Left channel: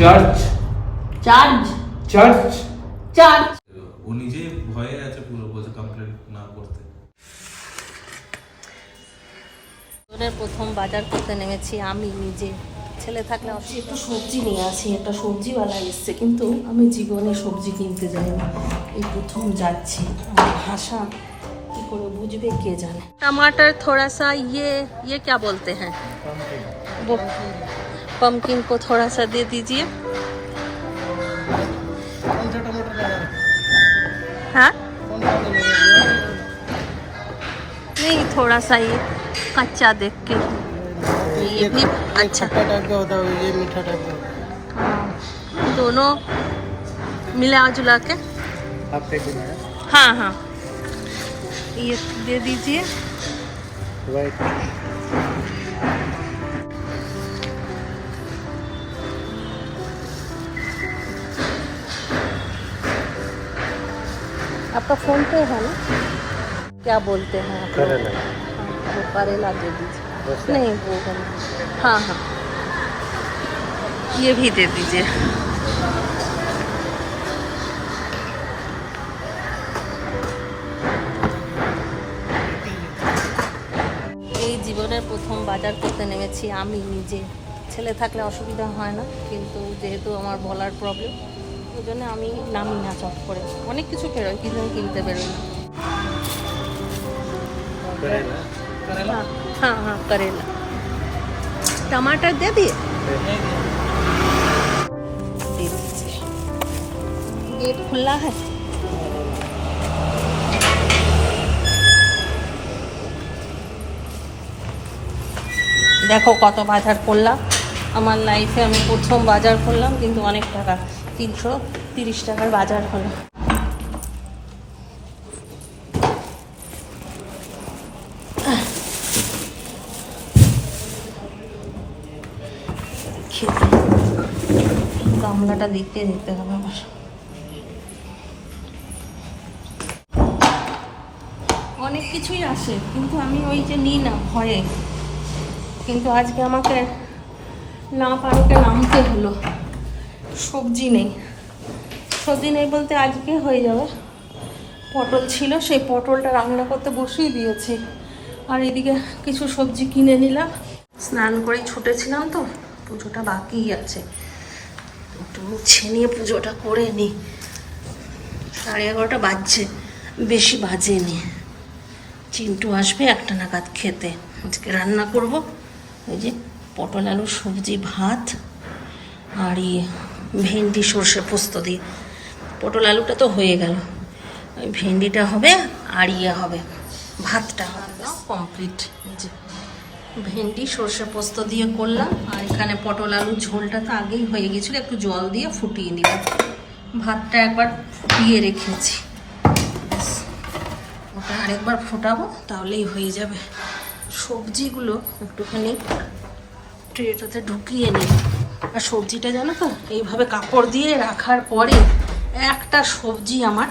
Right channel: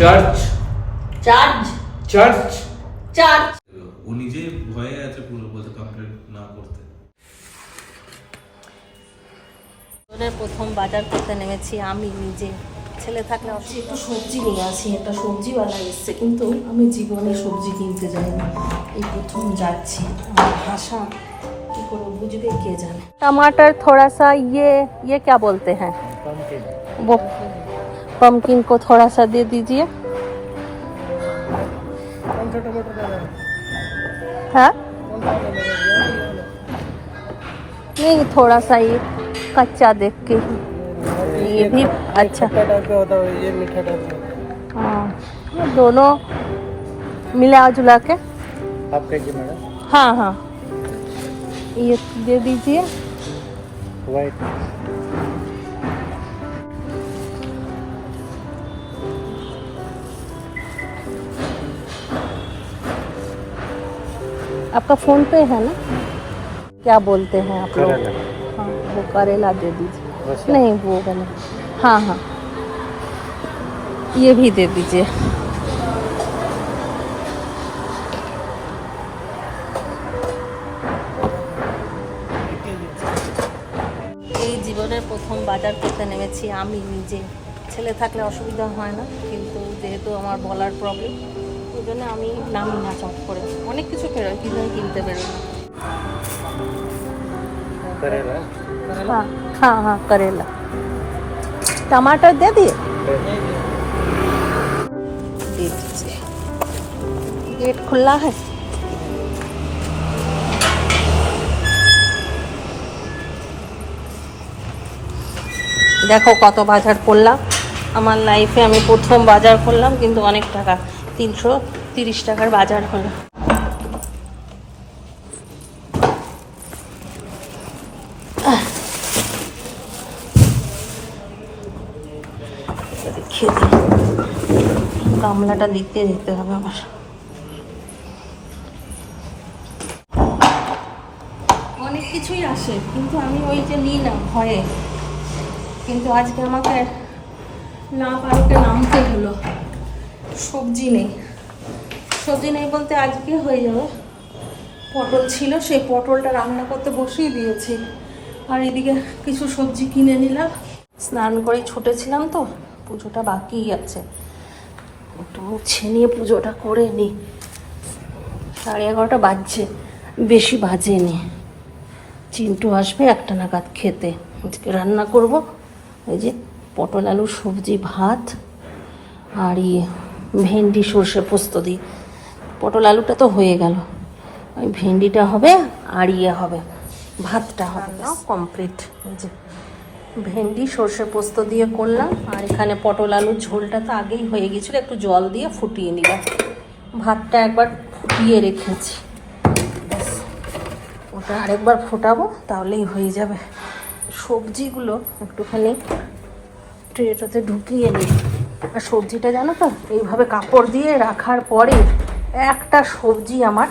Church charge church charge ও নিজে ভয়ে আছে পুরো বলছে কমপ্লেন না করতে জীবনের প্রথম বাজার করতে নেমেছি আমি নিজে ছেলে থাকলে অবশ্যই একটু সবজি নিয়ে আসি একটা সবজিওয়ালা এসছে কিন্তু আমি জীবনে সবজি কিনতে যাইনি এই প্রথম যাচ্ছি আমার ভাষা কি করে বুঝবে কে জানে टमाटर थोड़ा सा ये ये क्या बोलते हैं वो पम्पकिन को थोड़ा सा दे दीजिए। हाँ? नहीं थोड़ा सा ये कच्चा देख के ही। ये भी अच्छा। टाइप का होता है ये मीठा टाइप का हाँ। दोनों मिला जुला के। आप है हाँ हाँ। ये दे दीजिए। वाइट आपका फोन पे है ना क्या बोलते हैं आप लोग हाँ, वो करेला दे दीजिए नहीं वो वाला हाँ हाँ ये भी दे दीजिए এই জীবনের প্রথম বাজার করতে নেমেছি আমি নিজে ছেলে থাকলে অসুবিধা হয় না কিন্তু যেহেতু আমার বলার প্রবলেম ওই জন্য আমি নামি না চট করে অনেক কিছু বেরোয় কিন্তু আমি কিনতে বেরোই না करेला हाँ हाँ हाँ करेला टमाटर दे दिए दे दीजिए गेट खुला है দেখো কত বাজার করলাম আমার লাইফে আমি প্রথম বাজার করলাম কিন্তু অনেক টাকা তিনশো তিরিশ টাকার বাজার হলো। গামলাটা দিতে দিতে হবে আমার। অনেক কিছুই আসে, কিন্তু আমি ওই যে নিই না ভয়ে। কিন্তু আজকে আমাকে না পারোকে নামতে হলো। সবজি নেই। সবজি নেই বলতে আজকে হয়ে যাবে। পটল ছিল, সেই পটলটা রান্না করতে বসিয়ে দিয়েছি। আর এদিকে কিছু সবজি কিনে নিলাম। স্নান করে ছুটেছিলাম তো, পুজোটা বাকিই আছে। একটু মুছে নিয়ে পুজোটা করে নিই। সাড়ে এগারোটা বাজছে, বেশি বাজেনি চিন্টু আসবে একটা নাগাদ খেতে। আজকে রান্না করব। এই যে পটল, আলু, সবজি, ভাত, আর ইয়ে ভেন্ডি, সর্ষে পোস্ত দিয়ে। পটল আলুটা তো হয়ে গেল। ওই ভেন্ডিটা হবে, আর ইয়ে হবে, ভাতটা হবে। কমপ্লিট যে ভেন্ডি, সর্ষে পোস্ত দিয়ে করলাম, আর এখানে পটল আলুর ঝোলটা তো আগেই হয়ে গেছিল, একটু জল দিয়ে ফুটিয়ে নিলাম। ভাতটা একবার ফুটিয়ে রেখেছি। ব্যাস, ওটা আরেকবার ফোটাবো, তাহলেই হয়ে যাবে। সবজিগুলো একটুখানি ট্রেটাতে ঢুকিয়ে নিই। আর সবজিটা জানো তো? এইভাবে কাপড় দিয়ে রাখার পরে একটা সবজি আমার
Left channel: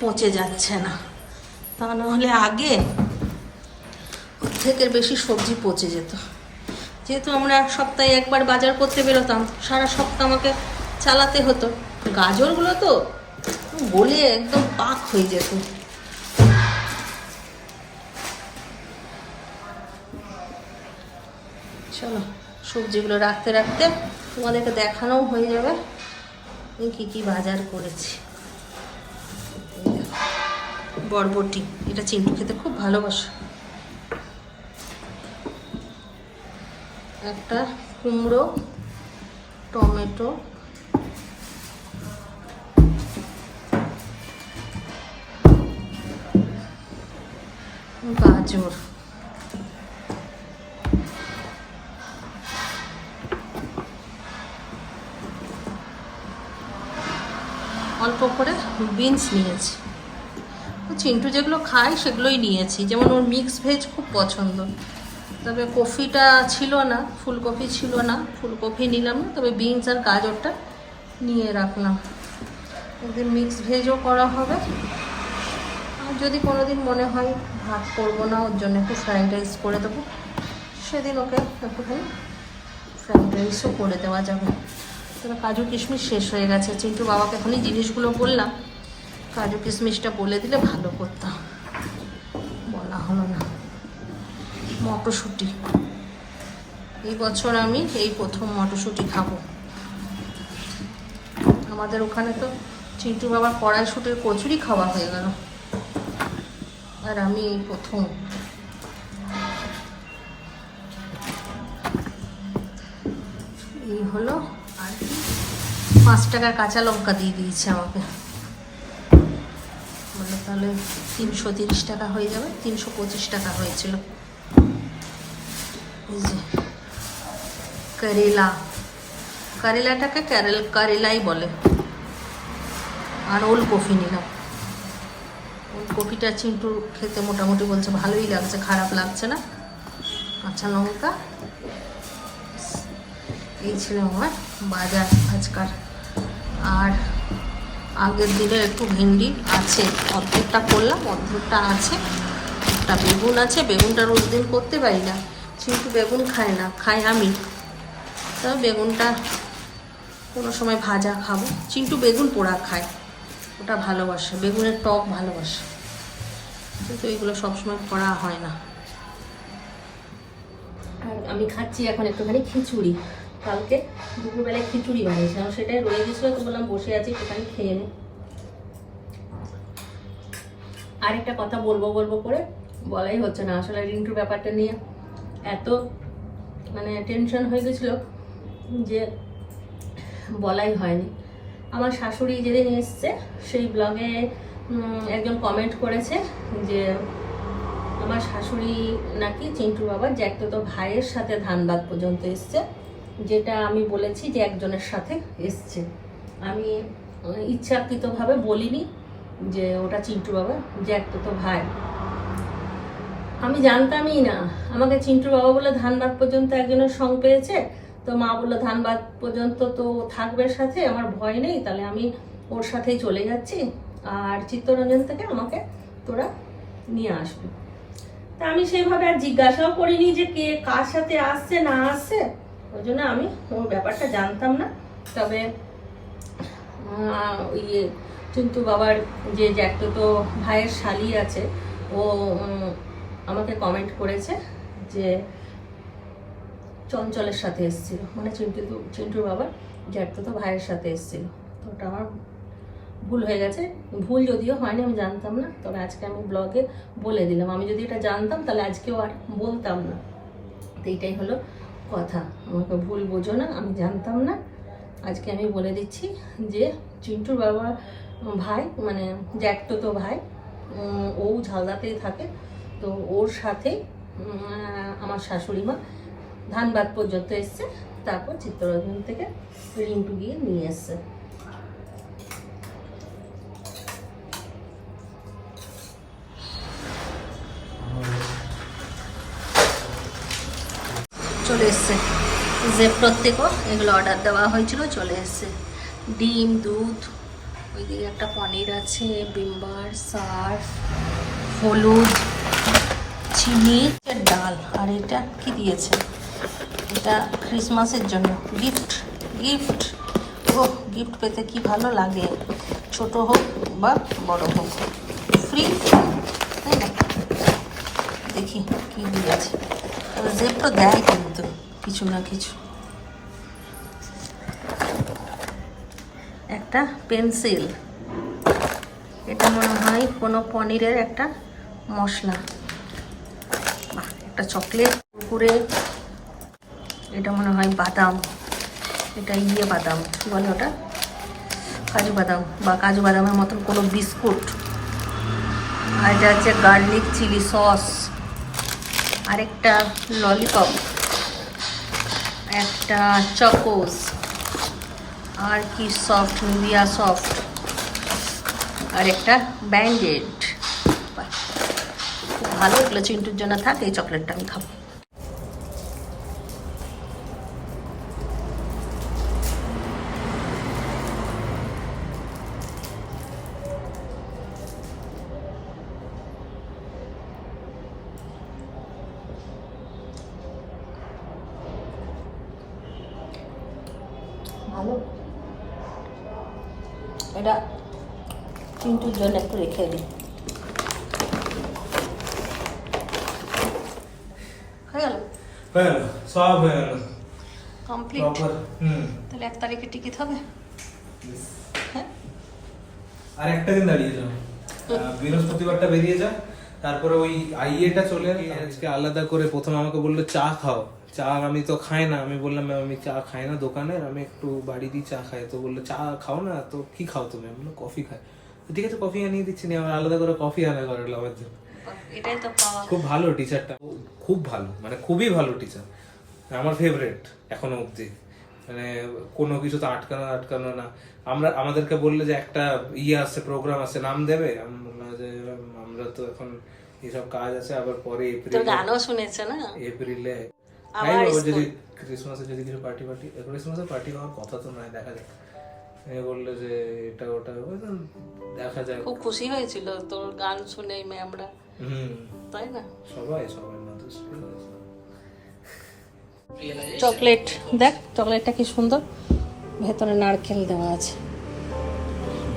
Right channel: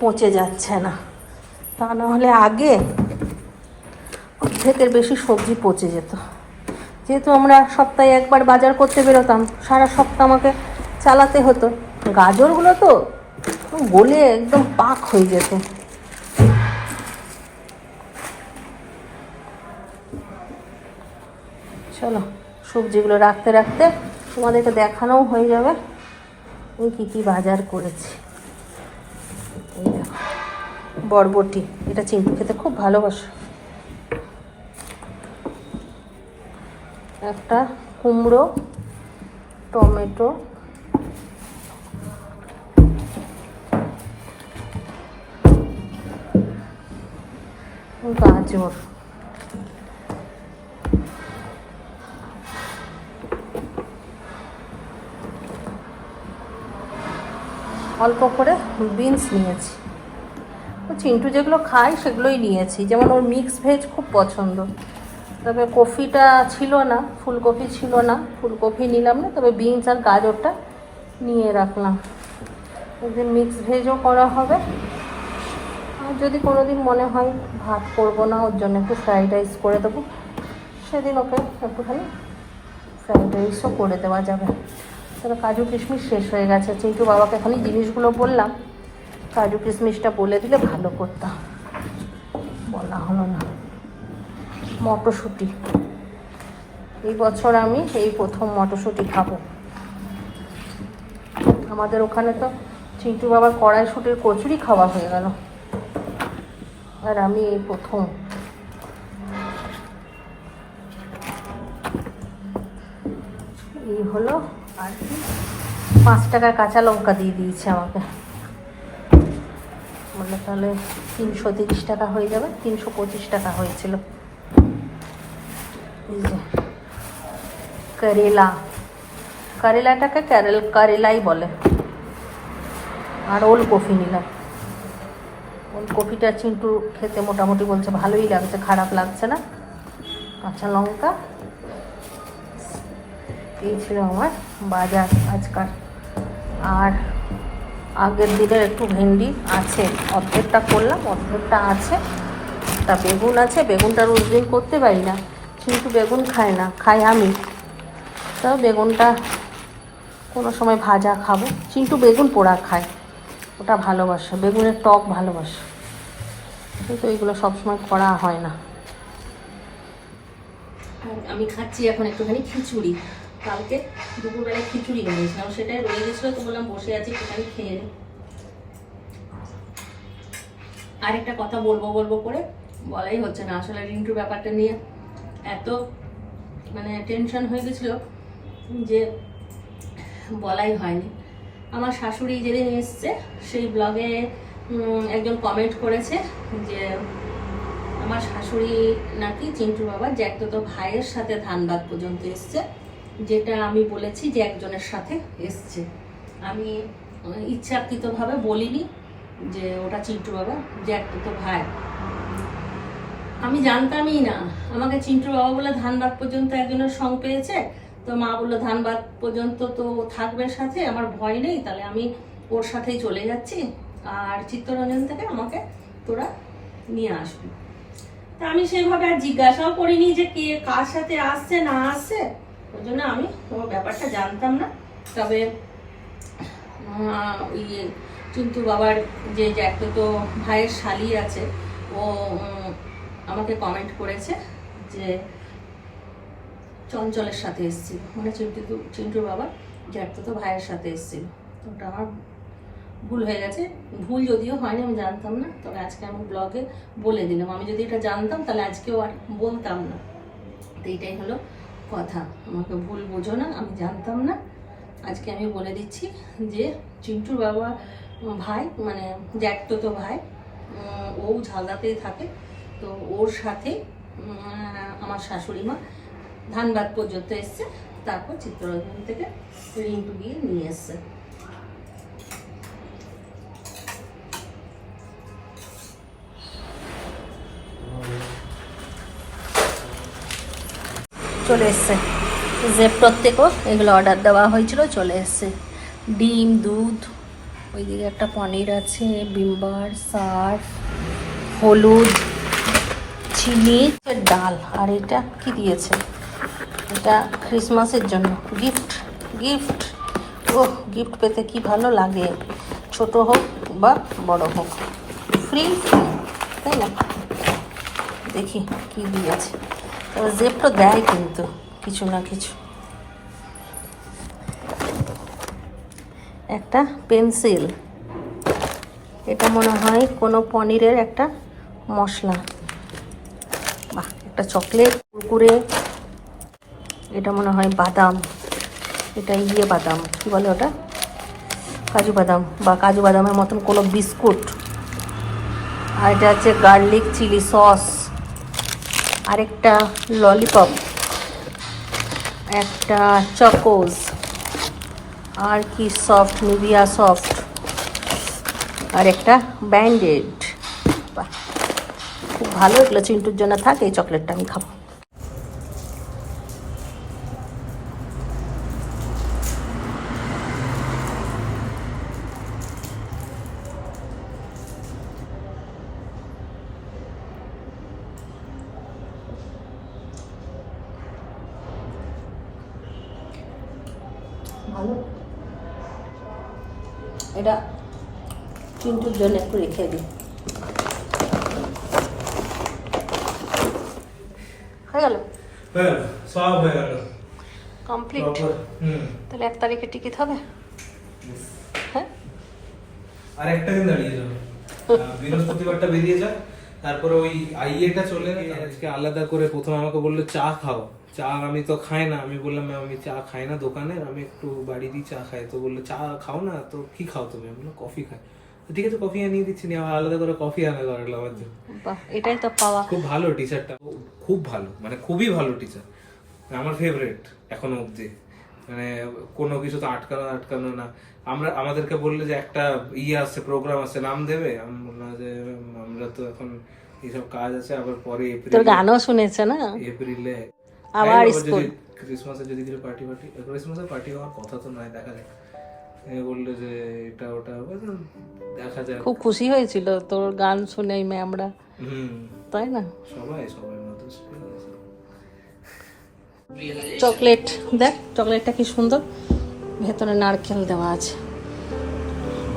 পচে যাচ্ছে না। তা নাহলে আগে অর্ধেকের বেশি সবজি পচে যেত। যেহেতু আমরা সপ্তাহে একবার বাজার করতে বেরোতাম, সারা সপ্তাহ আমাকে চালাতে হতো। গাজরগুলো তো গলে একদম পাক হয়ে যেত। চলো। সবজিগুলো রাখতে রাখতে তোমাদেরকে দেখানোও হয়ে যাবে। আমি কী কী বাজার করেছি। বরবটি, এটা চিন্টু খেতে খুব ভালোবাসে। একটা কুমড়ো, টমেটো, গাজর। অল্প করে বিনস নিয়েছি। চিন্টু যেগুলো খায় সেগুলোই নিয়েছি। যেমন ওর মিক্স ভেজ খুব পছন্দ। তবে কফিটা ছিল না, ফুলকপি ছিল না, ফুলকপি নিলাম না, তবে বিনস আর গাজরটা নিয়ে রাখলাম। একদিন মিক্স ভেজও করা হবে। আর যদি কোনো দিন মনে হয় ভাত করব না, ওর জন্য একটু ফ্রাইড রাইস করে দেবো। সেদিন ওকে একটুখানি ফ্রাইড রাইসও করে দেওয়া যাবে। তবে কাজু কিশমিশ শেষ হয়ে গেছে। চিন্টু বাবাকে এখনই জিনিসগুলো বললাম। কাজু কিশমিশটা বলে দিলে ভালো করতাম। বলা হলো না। মটরশুঁটি। এই বছর আমি এই প্রথম মটরশুঁটি খাব। আমাদের ওখানে তো চিন্টু বাবার কড়াইশুটির কচুরি খাওয়া হয়ে গেল। আর আমি এই প্রথম। এই হলো আর পাঁচ টাকার কাঁচা লঙ্কা দিয়ে দিয়েছে আমাকে। বলল তাহলে তিনশো তিরিশ টাকা হয়ে যাবে, তিনশো পঁচিশ টাকা হয়েছিল। যে, করেলা। করেলাটাকে ক্যারেল, করেলাই বলে। আর ওল কফি নিলাম। ওল কফিটা চিন্টু খেতে মোটামুটি বলছে ভালোই লাগছে, খারাপ লাগছে না। কাঁচা লঙ্কা। এই ছিল আমার বাজার আজকাল। আর আগের দিনের একটু ভেন্ডি আছে, অর্ধেকটা করলাম, অর্ধেকটা আছে, একটা বেগুন আছে, বেগুনটা রোজ দিন করতে পারি না, কিন্তু বেগুন খায় না, খাই আমি। তাও বেগুনটা কোনো সময় ভাজা খাব, চিন্টু বেগুন পোড়া খায়, ওটা ভালোবাসে, বেগুনের টক ভালোবাসে, কিন্তু এগুলো সবসময় করা হয় না। আর আমি খাচ্ছি এখন একটুখানি খিচুড়ি। কালকে দুপুরবেলায় খিচুড়ি বানিয়েছিলাম সেটাই রয়ে গেছিল, তো বললাম বসে আছি, একটুখানি খেয়ে নে। আরেকটা কথা বলব বলব করে? বলাই হচ্ছে না। আসলে রিন্টুর ব্যাপারটা নিয়ে এত মানে টেনশন হয়ে গেছিল যে বলাই হয়নি। আমার শাশুড়ি যেদিন এসছে, সেই ব্লগে একজন কমেন্ট করেছে যে, আমার শাশুড়ি নাকি চিন্টুর বাবা যে জ্যাকতো তো ভাইয়ের সাথে ধানবাদ পর্যন্ত এসছে। যেটা আমি বলেছি যে একজনের সাথে এসছে। আমি আহ, ইচ্ছাকৃতভাবে বলিনি যে ওটা চিন্টু বাবা যে তো ভাই। আমি জানতামই না। আমাকে চিন্টু বাবা বলে ধানবাদ পর্যন্ত একজনের সং পেয়েছে। তো মা বলল ধানবাদ পর্যন্ত তো থাকবে সাথে আমার ভয় নেই তাহলে আমি ওর সাথেই চলে যাচ্ছি। আর চিত্তরঞ্জন থেকে আমাকে তোরা নিয়ে আসবি। তা আমি সেইভাবে আর জিজ্ঞাসাও করিনি যে কে কার সাথে আসছে না আসছে। ওই জন্য আমি ওর ব্যাপারটা জানতাম না। তবে ইয়ে কিন্তু বাবার যে জ্যাকতো তো ভাইয়ের শালি আছে, ও আমাকে কমেন্ট করেছে যে চঞ্চলের সাথে এসেছিল। মানে চিন্টু চিন্টুর বাবা জ্যাকতো তো ভাইয়ের সাথে এসেছিল। তো ওটা আমার ভুল হয়ে গেছে। ভুল যদিও হয়নি, আমি জানতাম না। তবে আজকে আমি ব্লগে বলে দিলাম। আমি যদি এটা জানতাম, তাহলে আজকেও আর বলতাম না। তো এইটাই হলো কথা। আমাকে ভুল বোঝো না, আমি জানতাম না। আজকে আমি বলে দিচ্ছি যে, চিন্টুর বাবা ভাই মানে জ্যাকটো তো ভাই ও ঝালদাতেই থাকে। তো ওর সাথে আমার শাশুড়ি মা ধানবাদ পর্যন্ত এসছে। তারপর চিত্তরঞ্জন থেকে রিন্টু গিয়ে নিয়ে এসছে। এসছে যে প্রত্যেকও এগুলো অর্ডার দেওয়া হয়েছিল, চলে এসছে। ডিম, দুধ, ওইদিকে একটা পনির আছে বিম্বার সার্ফ, হলুদ, চিনি ডাল। আর এটা কি দিয়েছে? এটা ক্রিসমাসের জন্য। গিফট গিফট ও গিফট পেতে কি ভালো লাগে। ছোট হোক বা বড় হোক। ফ্রি ফ্রি তাই না? দেখি কি দিয়েছে। তবে জেপটা দেয় কিন্তু কিছু না কিছু একটা পেন্সিল এটা মনে হয় কোনো পনিরের একটা মশলা। বাহ একটা চকলেট কুরকুরে। এটা মনে হয় বাদাম। এটা ইয়ে বাদাম কী বলে ওটা? কাজু বাদাম বা কাজু বাদামের মতন কোনো বিস্কুট। আর এটা হচ্ছে গার্লিক চিলি সস আরেকটা ললিপপ একটা চকোজ আর কি সফট নিভিয়া সফট আর একটা ব্যান্ডেড ভালো এগুলো চিন্টুর জন্য। থাকে, এই চকলেটটা আমি খাব। চিন্টুর জন্য একটু রেখে দিই। হয়ে গেল? হয়ে গেল সব হয়ে গেল। কমপ্লিট? তাহলে এক তারিখে টিকিট হবে? হ্যাঁ। আর একটা দিন দাঁড়িয়ে যাও। বৃহস্পতিবারটা বেরিয়ে যাও তারপরে ওই আইএটা চলে আজকে আলাদা করে প্রথম আমাকে বলল চা খাও। চা আমি তো খাই না আমি বললাম আমি চা খাই না দোকানের আমি একটু বাড়ি দিয়ে চা খাই। তো বলল চা খাও না তো কি খাও তুমি? আমি কফি খাই। ঠিক আছে কফি আনিয়ে দিচ্ছি নি আমার আলাদা করে কফি আনা করালো আমার জন্য। এটাই তো পাওয়া। খুব ভালো টিচারটা খুব ভালো মানে খুবই ভালো টিচার আমার ফেভারিট এখনও অবধি। মানে কোনো কিছু তো আটকানো আটকানো না। আমরা আমাদেরকে বললে যে একটা ইয়ে আছে প্রোগ্রাম আছে নাম দেবে? আমি বললাম যে আমরা তো এখন এইসব কাজ আছে আবার পরে এপ্রিল গানও শুনেছে না? এপ্রিলে। যদি ক্রিসমাসে যদি কিছু পার্টি পার্টি ক্রিসমাসে পার্টি হওয়ার কথা তো নয় দেখা যাক। এ বলল যে এটা ওটা হবে দেখা যাক। খুব খুশি হয়েছিল তোর গান শুনে এই ম্যামরা। হুম। তাই না? সবাই সবাই মাধুর চকলেট দেখ চকলেটটা কি সুন্দর। ভেতরে নারকেল দেওয়া আছে।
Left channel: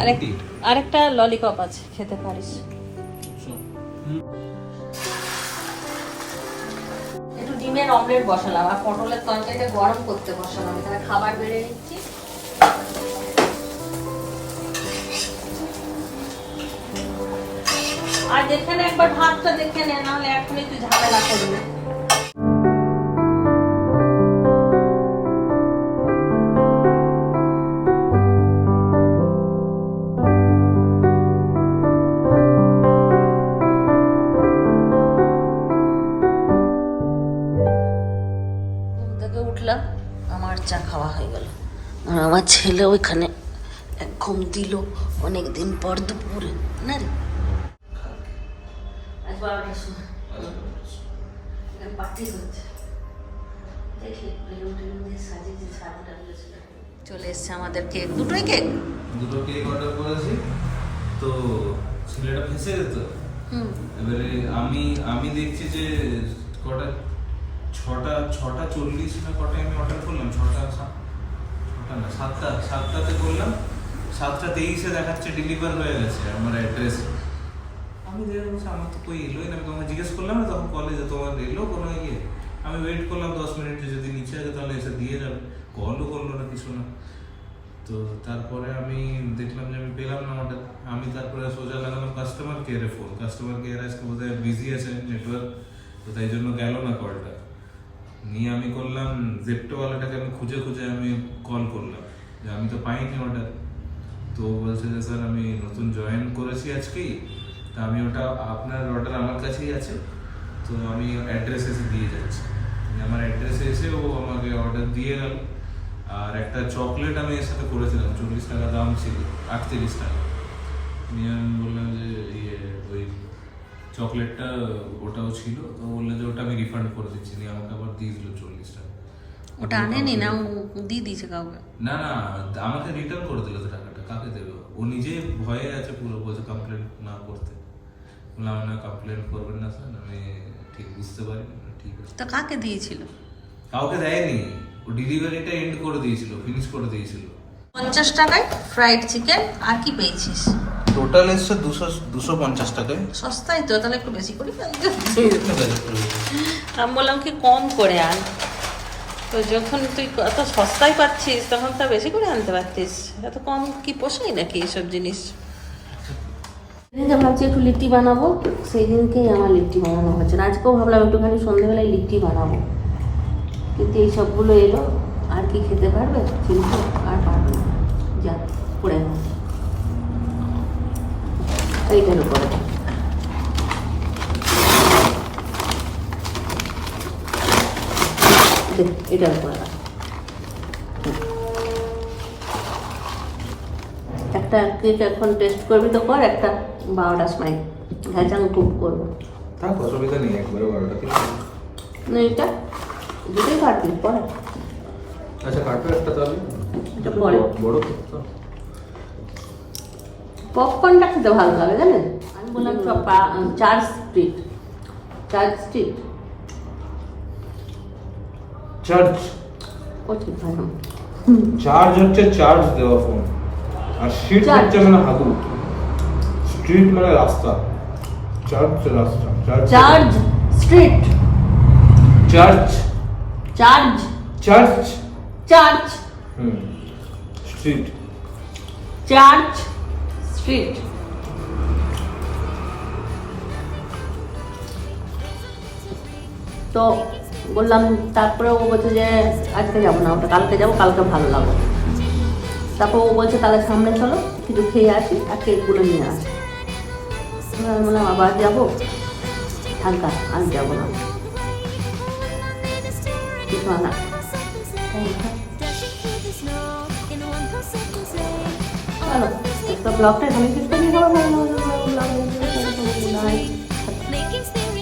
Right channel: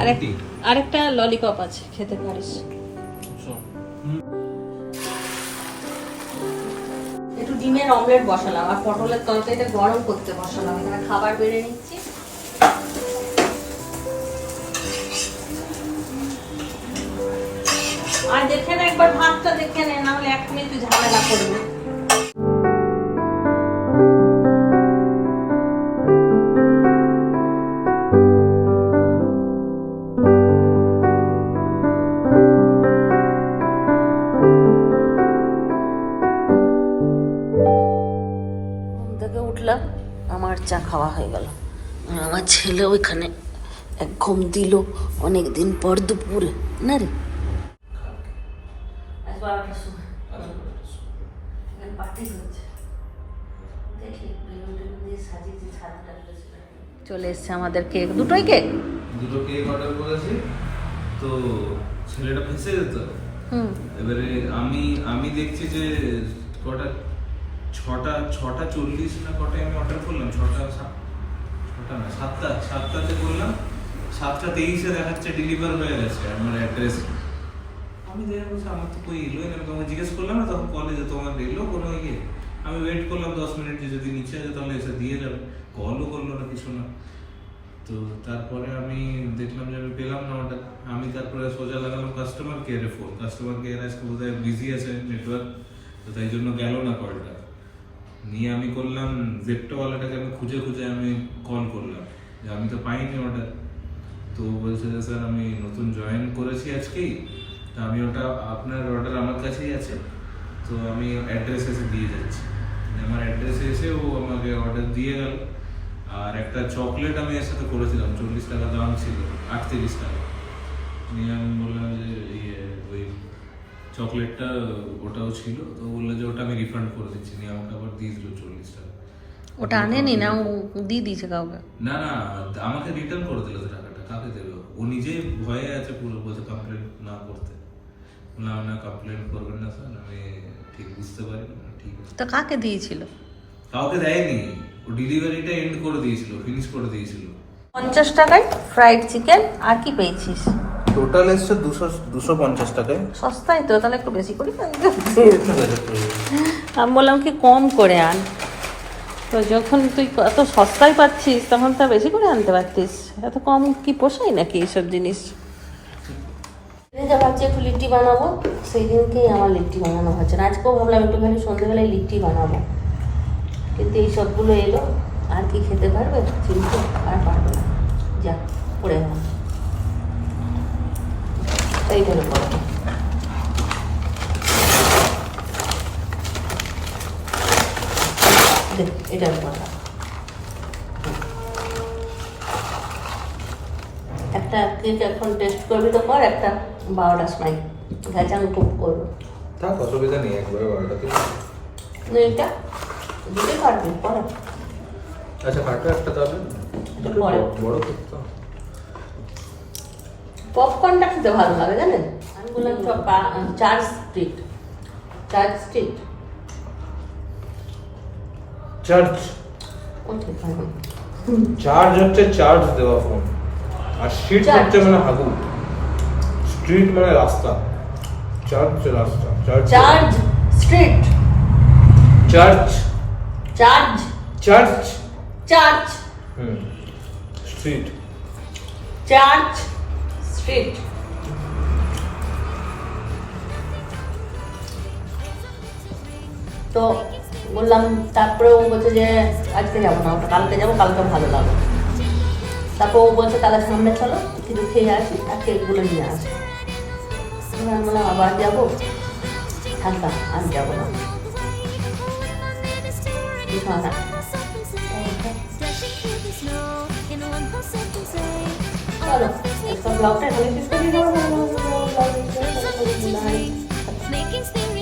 আরেক আরেকটা ললিপপ আছে খেতে পারিস। একটু ডিমের অমলেট বসালাম আর পটলের তরকারিটা গরম করতে বসালাম এখানে খাবার বেড়ে নিচ্ছি। আর দেখে না একবার ভাতটা, দেখে নে নাহলে এখনই তুই ঝামেলা করবি। উঠলাম, আমার চা খাওয়া হয়ে গেল। আর আমার ছেলে ওইখানে এক ঘুম দিল অনেক দিন পর দুপুরে, না রে আজ বারোটার সময় পার্টি হচ্ছে দেখি বেলুন টেলুন দিয়ে সাজিয়েছে ছাদটা করেছিল। চলে এসছে আমাদের কেক। দুটোই কেক? দুটো কেক অর্ডার করেছি। তো ছেলেটা ফেসে যেত। হুম। এবারে আমি আমি দেখছি যে কটা ছটা ছটা চল্লিশ না কটায় আমি অর্ডার করলাম? ছটা ছটা না সাতটা সাতটাতে করলাম। সাতটা তেইশে দেখাচ্ছে ডেলিভার হয়ে গেছে আমার অ্যাড্রেস আমি দেখে আমার তো কই এলোই না? আমি তোমাকে জিজ্ঞেস করলাম না তখন কলেজে তোমার এলো কোনো ইয়ে? আমি ওয়েট করলাম দশ মিনিট যে যদি নিচে আছে তাহলে এসে দিয়ে যাবে কলও করল না কিছু না। তো তারপরে আমি দেখলাম যে আমি পেলাম না অর্ডার আমি তারপরে সোজা লাগালাম কাস্টমার কেয়ারে ফোন কাস্টমার কেয়ার আজকে বোধহয় বিজি আছে নেটওয়ার্ক তো তাই জন্য গেল না কলটা নিয়ে আমি করলাম জেপ্টোওয়ালাটাকে আমি খুঁজে খুঁজে আমি কল করলাম। যে আমি তো পাইনি অর্ডার তো বলছে যে, স্যার, আমি নতুন জয়েন করেছি আজকেই। তো আমি ওটা আপনার অর্ডার আমার কাছেই আছে। তো আমি অ্যাড্রেস এসে দিয়ে যাচ্ছি। আমার অ্যাড্রেসে এসে ও আমাকে অর্ডার দিয়ে গেল আর একটা চকলেট আমি এর সাথে করেছিলাম চল্লিশ টাকা দাম ছিল আটত্রিশ টাকা নিয়ে আমি বললাম যে ইয়ে ওই চকলেটটা ওটাও ছিল তো বলল যে ওটা আমি রিফান্ড করে দিচ্ছি নিয়ে আমাকে আবার দিয়ে দিল চল্লিশ টাকা ওটা আনেনি না ও দিয়ে দিয়েছে কাউকে না না আমাকে রিটার্ন করে দিল টাকাটা কাকে দেবে ও নিজে ভয়ে আছে পুরো বলছে কমপ্লেন না করতে বললাম না কমপ্লেন করবেন না স্যার আমি ঠিক বুঝতে পারি ঠিক আছে। তা কাকে দিয়েছিল? কাউকে দেয়নি। ও ডেলিভারিটা এন্ড করে দিয়েছিল ফিনিশ করে দিয়েছিল। পঞ্চাশ টাকায় ফ্রাইড চিকেন আর কি পেয়েছিস? টোটাল এসছে দুশো দুশো পঞ্চাশ টাকায়। সস্তাই তো তাহলে একটু বেশি করে আমি বললাম কি কম করে আন। তো যখন তুই এত সস্তায় পাচ্ছিস তখন তা বেশি করে আনতে পারতিস। এত কম কি পোষায় নাকি এসব জিনিস? যা ভাবছি একটু লিট্টি বানাবো, সেই দিনকেই আমার লিট্টি বানানো হচ্ছে আজকেও ভাবলাম একটুখানি সন্ধ্যেবেলায় লিট্টি বানাবো। কিন্তু এই সবগুলো এলো, আর কি খেতে পারবে? কিন্তু আর পারবে না। যা পড়ে নাও এইটার উপরে। এটার উপরে। একটা কেক এখন টেস্ট করবি তো কর একটা। বারোটার সময়। খুব করব। থাক অসুবিধা নেই একবারে অর্ডার না এটা দুটোই কাটবি পরে। আচ্ছা কাটো একটা তাহলে? এটা পরে। বড় কেক পপকর্নটা খেতে ভালো লাগে জানেন? আমি বললাম church street church street church charge. হচ্ছে চার্জ দেওয়া ফোন আর Charge. হচ্ছে মানে হাবু। স্ট্রিট মানে রাস্তা। চার্জ হচ্ছে রাস্তা। Charge street. Charge charge charge হুম। স্ট্রিট। Church street. তো বললাম তারপরে ও বলছে যে আজকে যাব না ওটা কালকে যাব কালকে ভালো লাগবে। তারপর ও বলছে তাহলে সামনে চলো কিছু খেয়ে আসি আর কেকগুলো নিয়ে আসি। বললাম আবার যাব হালকা আর যাব না কিছু না চলো একটা ব্লগটা এখানে শেষ করি সবাই ভালো লাগল ব্লগ Making spirits bright.